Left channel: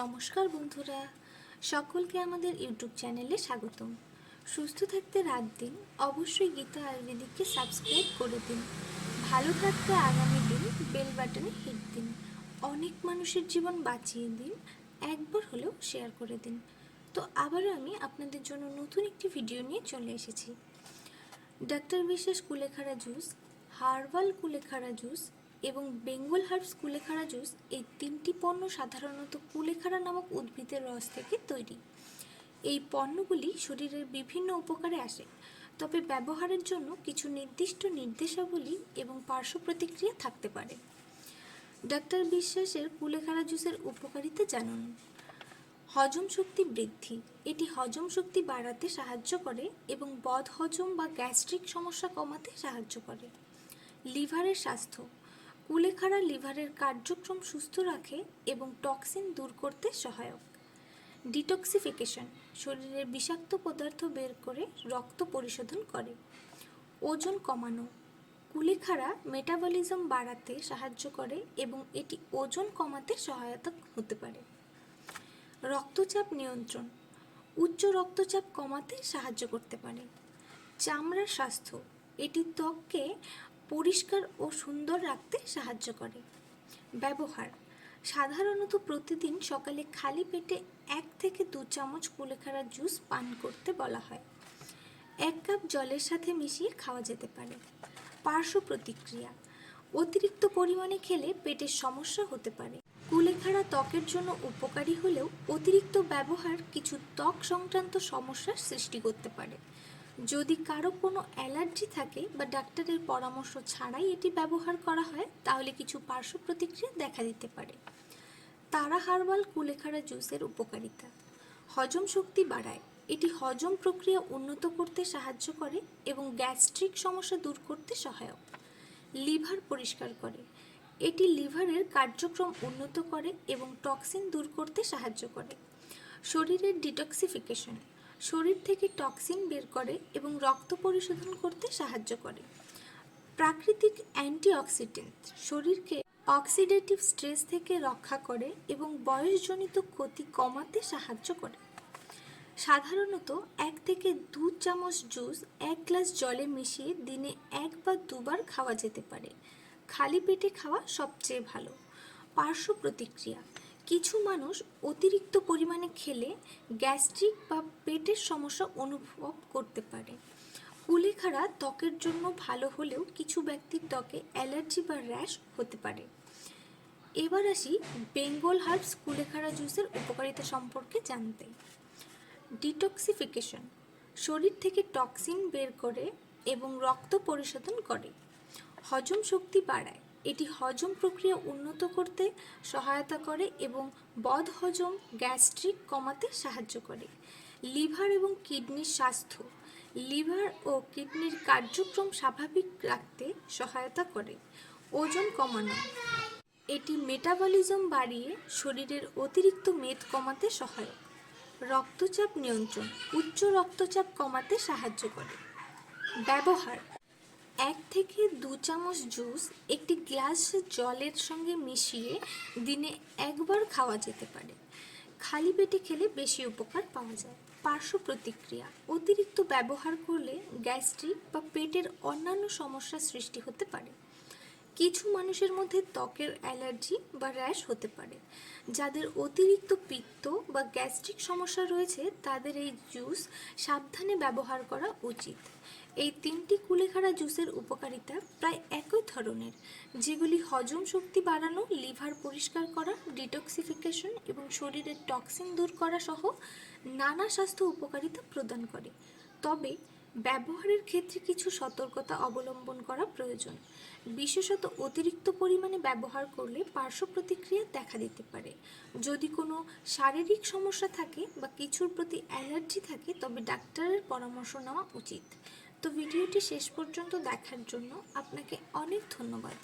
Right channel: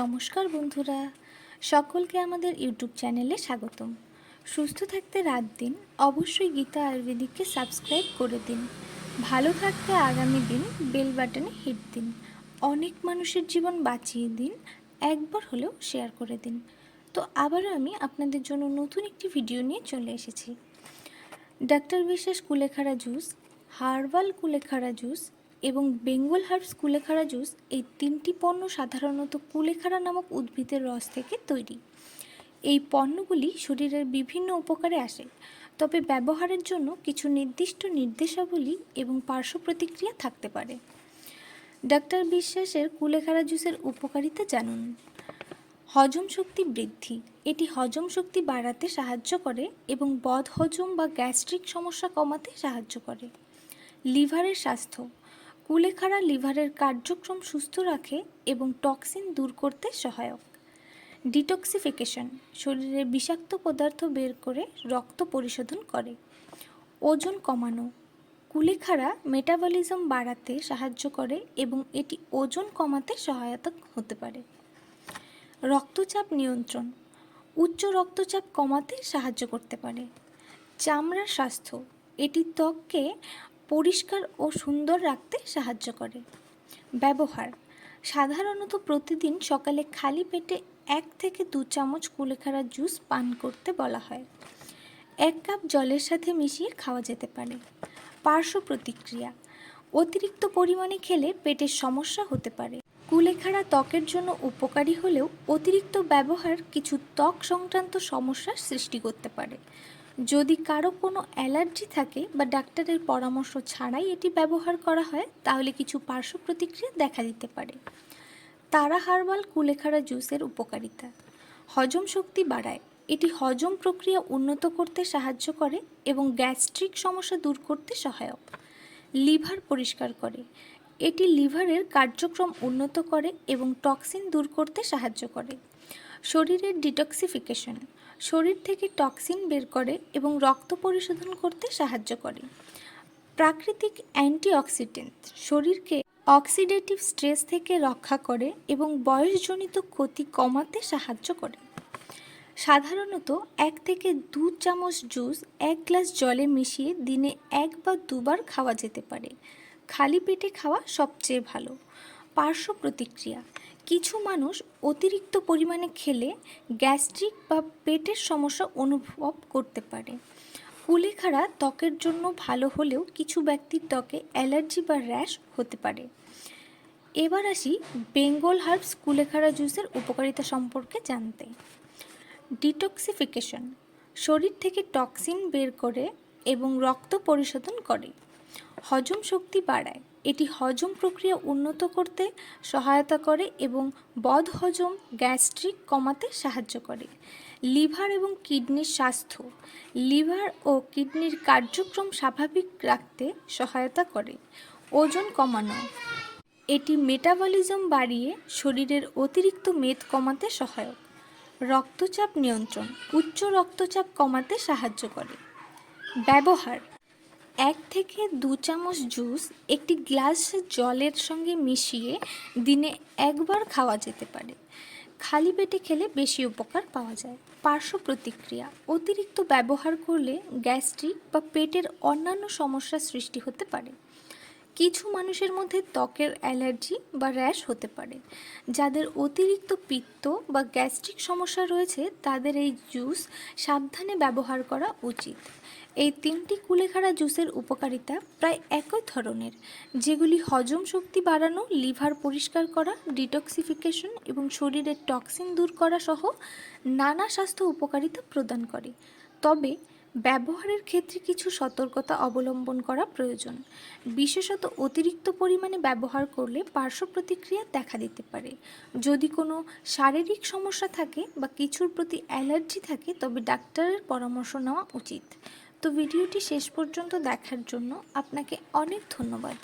নমস্কার বন্ধুরা, সকলকে আমাদের ইউটিউব চ্যানেলে স্বাগতম। সুস্থ থাকতে রাত দিন, অবশ্যই গীতা আয়ুর্বেদিককে সাবস্ক্রাইব করে দিন। ভালো থাকতে আগামী দিন, বেল বাটনে হিট দিন। অনেক মানুষের জীবন বাঁচিয়ে দিন, একবার হলেও শেয়ার করে দিন। তো আবারও আমি আপনাদের জন্য নতুন একটি ভিডিও নিয়ে চলে এসেছি। ডাক্তার বিশ্বাস কুলেখাড়া জুস, হার্বাল কুলেখাড়া জুস এবং বেঙ্গল হার্বস কুলেখাড়া জুস এই তিনটি পণ্য সাধারণত কুলেখাড়া নামক উদ্ভিদের রস থেকে তৈরি। এই পণ্যগুলি শরীরের বিভিন্ন উপকারে আসে, তবে ব্যবহারের জন্য কিছু নির্দিষ্ট নির্দেশাবলী এবং পার্শ্ব প্রতিক্রিয়া থাকতে পারে। ডাক্তার বিশ্বাসের কুলেখাড়া জুসের উপকারিতা জানুন। হজম শক্তি বৃদ্ধি। এটি হজম শক্তি বাড়াতে সাহায্য করে এবং বদ হজম বা গ্যাস্ট্রিক সমস্যা কমাতে সাহায্য করে। লিভারের স্বাস্থ্য। কুলেখাড়া লিভারের কার্যক্রম সুস্থ রাখে এবং টক্সিন দূর করতে সহায়ক। ডিটক্সিফিকেশন শরীরে বিষাক্ত পদার্থ বের করে রক্ত পরিশোধন করে। ওজন কমানো কুলেখাড়া মেটাবলিজম বাড়াতে সাহায্য করে এবং এটি ওজন কমাতে সহায়তা হতে পারে। রক্তচাপ নিয়ন্ত্রণ উচ্চ রক্তচাপ কমাতে সাহায্য করতে পারে। চামড়ার স্বাস্থ্য এটি ত্বককে পরিষ্কার ও সুন্দর রাখতে সাহায্য করে। ব্যবহার। সাধারণত প্রতিদিন সকালে খালি পেটে এক থেকে দু চামচ কুলেখাড়া জুস পান করতে বলা হয়। এক কাপ জলের সাথে মিশিয়ে খাওয়া যেতে পারে। পার্শ্ব প্রতিক্রিয়া। অতিরিক্ত পরিমাণে খেলে পেটের সমস্যা হতে পারে। কুলেখাড়া ত্বকের জন্য উপকারী হলেও অতিরিক্ত ব্যবহার কিছু ত্বক সংক্রান্ত সমস্যার সৃষ্টি করতে পারে। যদি কারও কোনো অ্যালার্জি থাকে বা ডাক্তারের পরামর্শ ছাড়াই এটি ব্যবহার করা হয়, তাহলে কিছু পার্শ্ব প্রতিক্রিয়া দেখা দিতে পারে। তারা হার্বাল কুলেখাড়া জুসের উপকারিতা। হজম শক্তি বাড়ায়। এটি হজম প্রক্রিয়া উন্নত করতে সাহায্য করে এবং গ্যাস্ট্রিক সমস্যা দূর করতে সহায়ক। লিভার পরিষ্কার করে। এটি লিভারের কার্যক্রম উন্নত করে এবং টক্সিন দূর করতে সাহায্য করে। শরীরের ডিটক্সিফিকেশন। শরীর থেকে টক্সিন বের করে এবং রক্ত পরিশোধন করতে সাহায্য করে। প্রাকৃতিক অ্যান্টিঅক্সিডেন্ট শরীরকে অক্সিডেটিভ স্ট্রেস থেকে রক্ষা করে এবং বয়সজনিত ক্ষতি কমাতে সাহায্য করে। সাধারণত এক থেকে দু চামচ জুস এক গ্লাস জলে মিশিয়ে দিনে এক বা দুবার খাওয়া যেতে পারে। খালি পেটে খাওয়া সবচেয়ে ভালো। পার্শ্ব প্রতিক্রিয়া কিছু মানুষ অতিরিক্ত পরিমাণে খেলে গ্যাস্ট্রিক বা পেটের সমস্যা অনুভব করতে পারে। কুলেখাড়া ত্বকের জন্য ভালো হলেও কিছু ব্যক্তির ত্বকে অ্যালার্জি বা র্যাশ হতে পারে। এবার আসি বেঙ্গল হার্বস কুলেখাড়া জুসের উপকারিতা সম্পর্কে জানতে। ডিটক্সিফিকেশন শরীর থেকে টক্সিন বের করে এবং রক্ত পরিশোধন করে। হজম শক্তি বাড়ায়। এটি হজম প্রক্রিয়া উন্নত করতে সহায়তা করে এবং বদ হজম গ্যাস্ট্রিক কমাতে সাহায্য করে। লিভার এবং কিডনির স্বাস্থ্য। লিভার ও কিডনির কার্যক্রম স্বাভাবিক রাখতে সহায়তা করে। ওজন কমানো। এটি মেটাবলিজম বাড়িয়ে শরীরের অতিরিক্ত মেদ কমাতে সহায়ক। রক্তচাপ নিয়ন্ত্রণ। উচ্চ রক্তচাপ কমাতে সাহায্য করে। ব্যবহার। এক থেকে দু চামচ জুস একটি গ্লাস জলের সঙ্গে মিশিয়ে দিনে একবার খাওয়া যেতে পারে। খালি পেটে খেলে বেশি উপকার পাওয়া যায়। পার্শ্ব প্রতিক্রিয়া, অতিরিক্ত ব্যবহার করলে গ্যাস্ট্রিক বা পেটের অন্যান্য সমস্যার সৃষ্টি হতে পারে। কিছু মানুষের মধ্যে ত্বকের অ্যালার্জি বা র্যাশ হতে পারে। যাদের অতিরিক্ত পিত্ত বা গ্যাস্ট্রিক সমস্যা রয়েছে, তাদের এই জুস সাবধানে ব্যবহার করা উচিত। এই তিনটি কুলেখাড়া জুসের উপকারিতা প্রায় একই ধরনের, যেগুলি হজম শক্তি বাড়ানো, লিভার পরিষ্কার করা, ডিটক্সিফিকেশন এবং শরীরের টক্সিন দূর করা সহ নানা স্বাস্থ্য উপকারিতা প্রদান করে। তবে ব্যবহারের ক্ষেত্রে কিছু সতর্কতা অবলম্বন করা প্রয়োজন। বিশেষত অতিরিক্ত পরিমাণে ব্যবহার করলে পার্শ্ব প্রতিক্রিয়া দেখা দিতে পারে। যদি কোনো শারীরিক সমস্যা থাকে বা কিছুর প্রতি অ্যালার্জি থাকে, তবে ডাক্তারের পরামর্শ নেওয়া উচিত। তো ভিডিওটি শেষ পর্যন্ত দেখার জন্য আপনাকে অনেক ধন্যবাদ।